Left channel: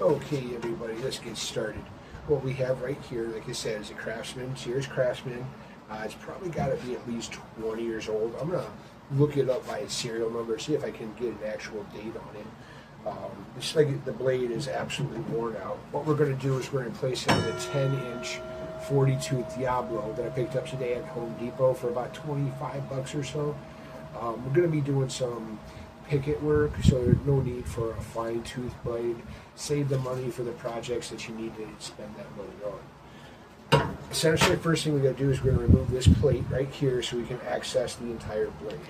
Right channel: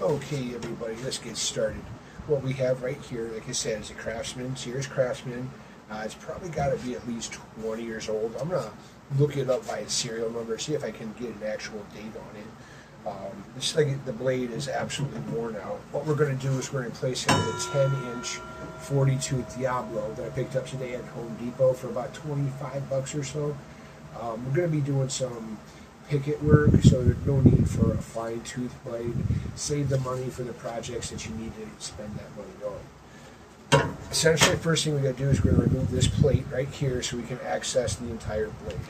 Okay, everybody, let's get started. What we have right here, like I said, is a Craftsman, Sears Craftsman. It's probably got to be at least 20 years old. I'm going to look it up by its serial number, see if I can get an actual date on it. It's like the blade is absolutely worn out. What we're going to do is we're going to place it in a 10-inch 40-tooth Diablo that I picked up today at Home Depot for about 25 bucks or so. We're going to be doing some picket work, so there's no need for a fine tooth blade. Save the money for the projects that you need to spend that money on. Essentially, the first thing we got to do is we're going to remove this plate right here so we can access the entire blade.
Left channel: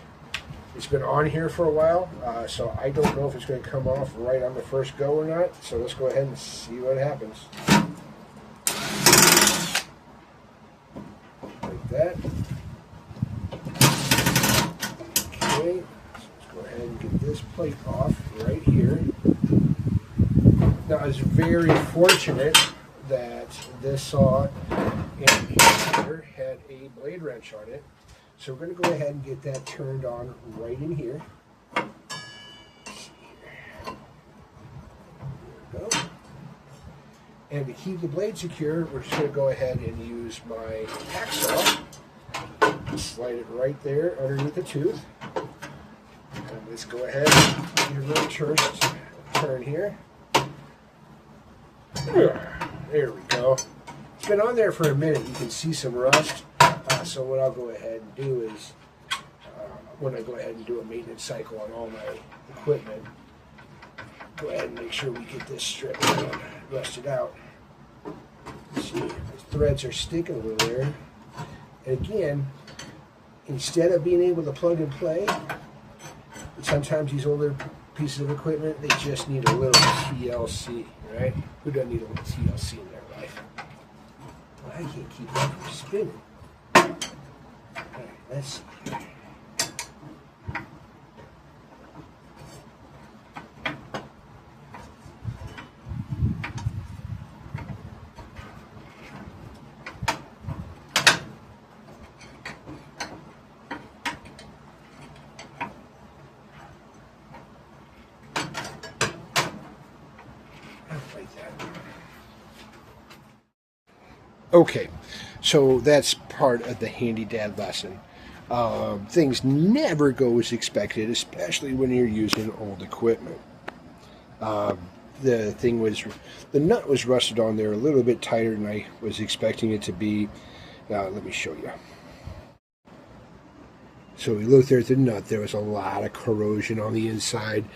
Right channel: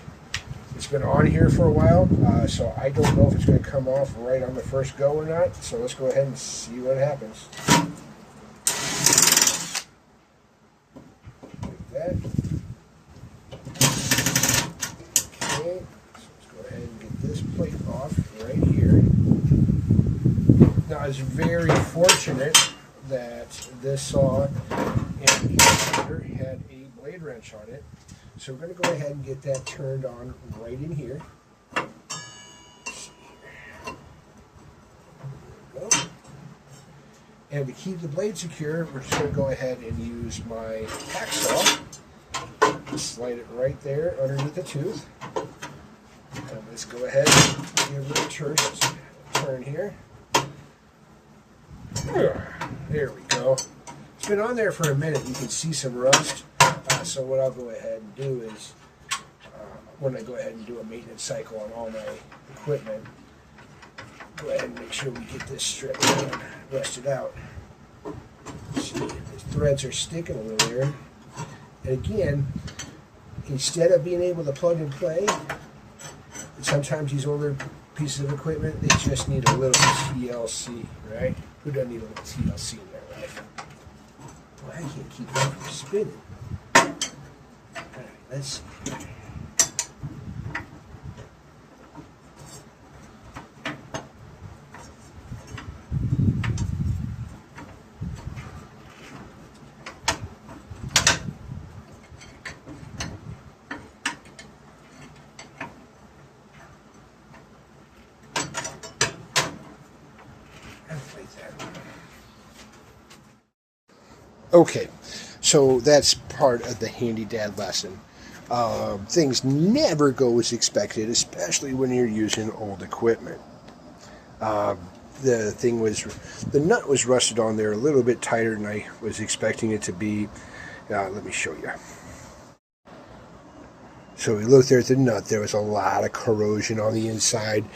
It's been on here for a while, so I don't know if it's going to come off right on the first go or not, so let's go ahead and see what happens. Like that. Okay. And get this plate off right here. Now, I was very fortunate that this saw and here had a blade wrench on it. So we're going to go ahead and get that turned on right in here. Let's see here. There we go. And to keep the blade secure, we're just going to go ahead and use my hacksaw. Slide it right there underneath the tooth. And let's go ahead and give it a first turn here. There we go. It's been on there for a minute. You can see some rust. So what I'll go ahead and do is, when I go ahead and do a maintenance cycle on all my equipment, go ahead and make sure we get this stripped and rusted out. See, the threads are sticking over there. And again, instead of being able to plug and play, sometimes these older pieces of equipment, they just need a little TLC, right? Who doesn't need a little TLC in their life? Well, I can't keep that from spinning. All right, let's see. Okay, so that's part of the Handydad lesson. Things never go as expected, especially when you're using old equipment. The nut was rusted on there a little bit tighter than I was expecting it to be. Let me show you. So we looked there at the nut. There was a lot of corrosion on the inside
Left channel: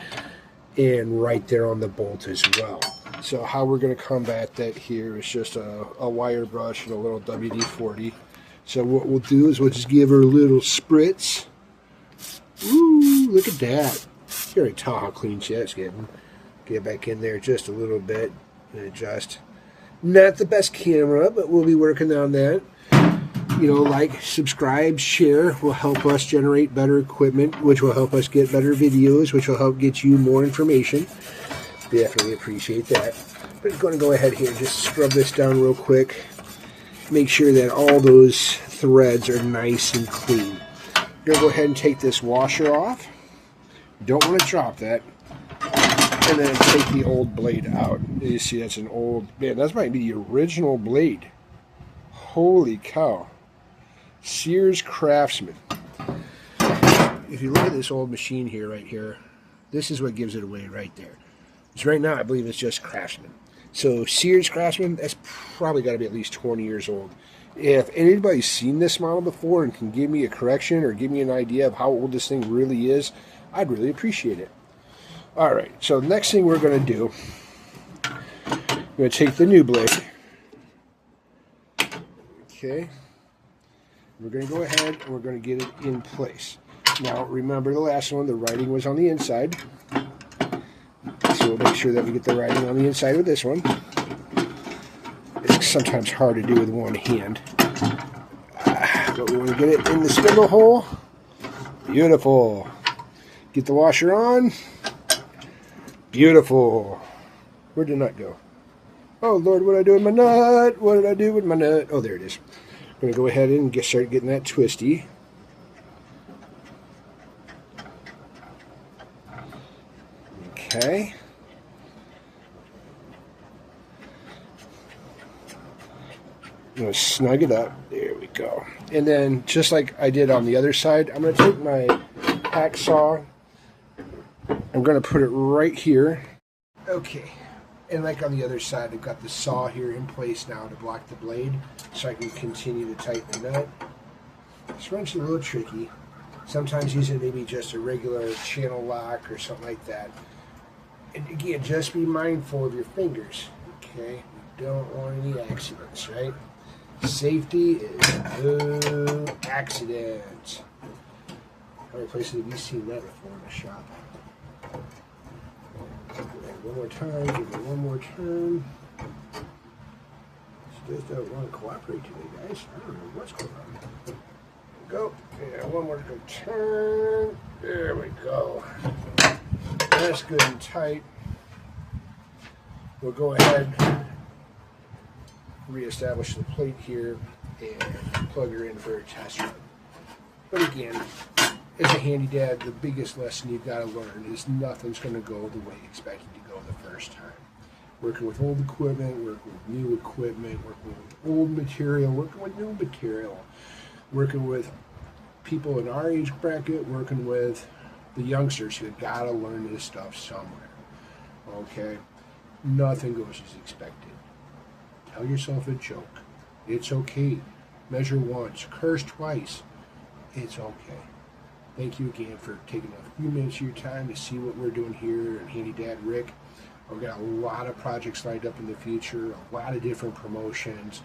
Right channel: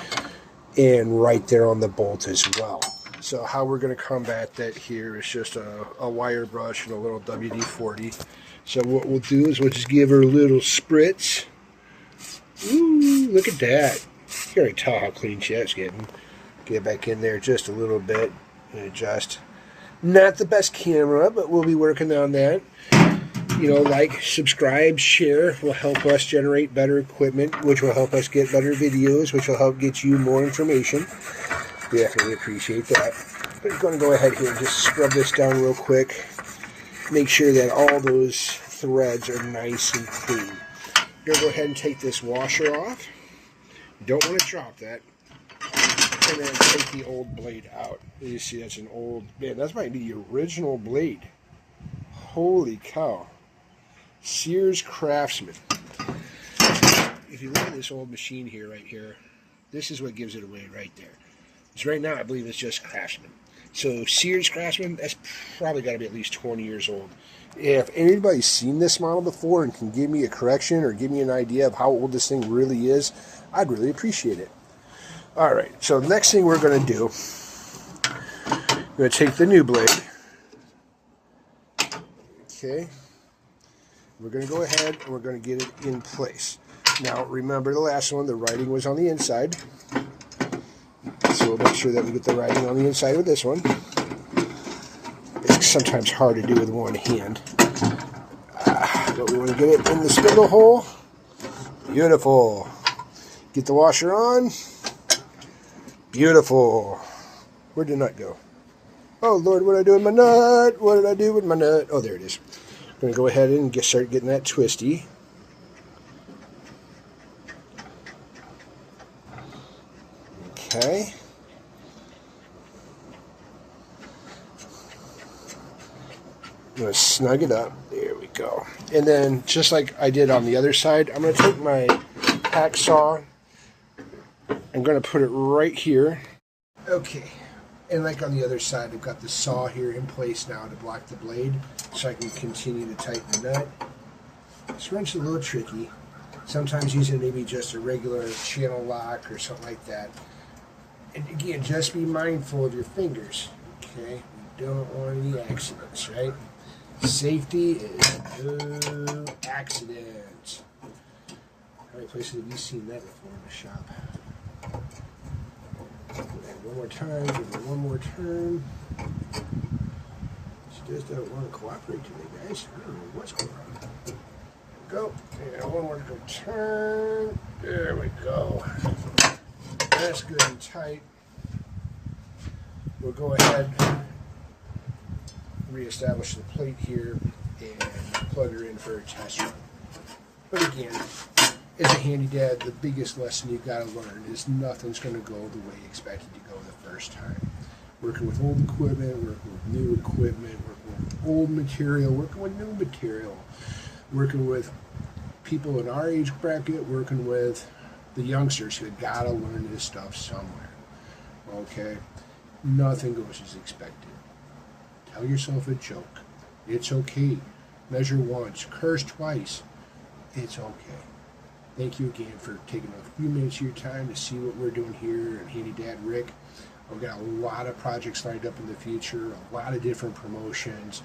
and right there on the bolt as well. So how we're going to combat that here is just a wire brush and a little WD-40. So what we'll do is we'll just give her a little spritz. Ooh, look at that. You can already tell how clean she's getting. Get back in there just a little bit and adjust. Not the best camera, but we'll be working on that. You know, like, subscribe, share will help us generate better equipment, which will help us get better videos, which will help get you more information. Definitely appreciate that. I'm just going to go ahead here and just scrub this down real quick. Make sure that all those threads are nice and clean. I'm going to go ahead and take this washer off. You don't want to drop that. And then take the old blade out. You see, that's an old, man, that might be the original blade. Holy cow. Sears Craftsman. If you look at this old machine here, right here, this is what gives it away right there. So right now, I believe it's just Craftsman. So Sears Craftsman, that's probably got to be at least 20 years old. If anybody's seen this model before and can give me a correction or give me an idea of how old this thing really is, I'd really appreciate it. All right, so the next thing we're going to do, I'm going to take the new blade. Okay. We're going to go ahead and we're going to get it in place. Now, remember the last one, the writing was on the inside. So we'll make sure that we get the writing on the inside with this one. It's sometimes hard to do with one hand. But we want to get it in the spindle hole. Beautiful. Get the washer on. Beautiful. Where'd the nut go? Oh, Lord, what did I do with my nut? What did I do with my nut? Oh, there it is. I'm going to go ahead and start getting that twisty. Okay. I'm going to snug it up. There we go. And then, just like I did on the other side, I'm going to take my hacksaw. I'm going to put it right here. Okay. And like on the other side, I've got the saw here in place now to block the blade, so I can continue to tighten the nut. This wrench is a little tricky. Sometimes using maybe just a regular channel lock or something like that. And again, just be mindful of your fingers. Okay? We don't want any accidents, right? Safety is no accident. How many places have you seen that before in the shop? One more time, give it one more turn. She just doesn't want to cooperate today, guys. I don't know what's going on. Go. Yeah, one more good turn. There we go. That's good and tight. We'll go ahead, reestablish the plate here, and plug her in for a test run. But again, as a Handydad, the biggest lesson you've got to learn is nothing's going to go the way you expected to go the first time. Working with old equipment, working with new equipment, working with old material, working with new material, working with people in our age bracket, working with the youngsters who have got to learn this stuff somewhere. Okay? Nothing goes as expected. Tell yourself a joke. It's okay. Measure once, curse twice. It's okay. Thank you again for taking a few minutes of your time to see what we're doing here at Handydad Rick. We've got a lot of projects lined up in the future, a lot of different promotions,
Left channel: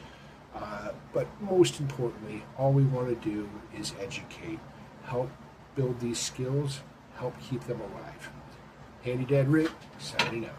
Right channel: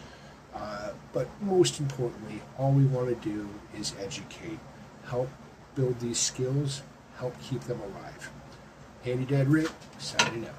but most importantly, all we want to do is educate, help build these skills, help keep them alive. Handydad Rick, signing out.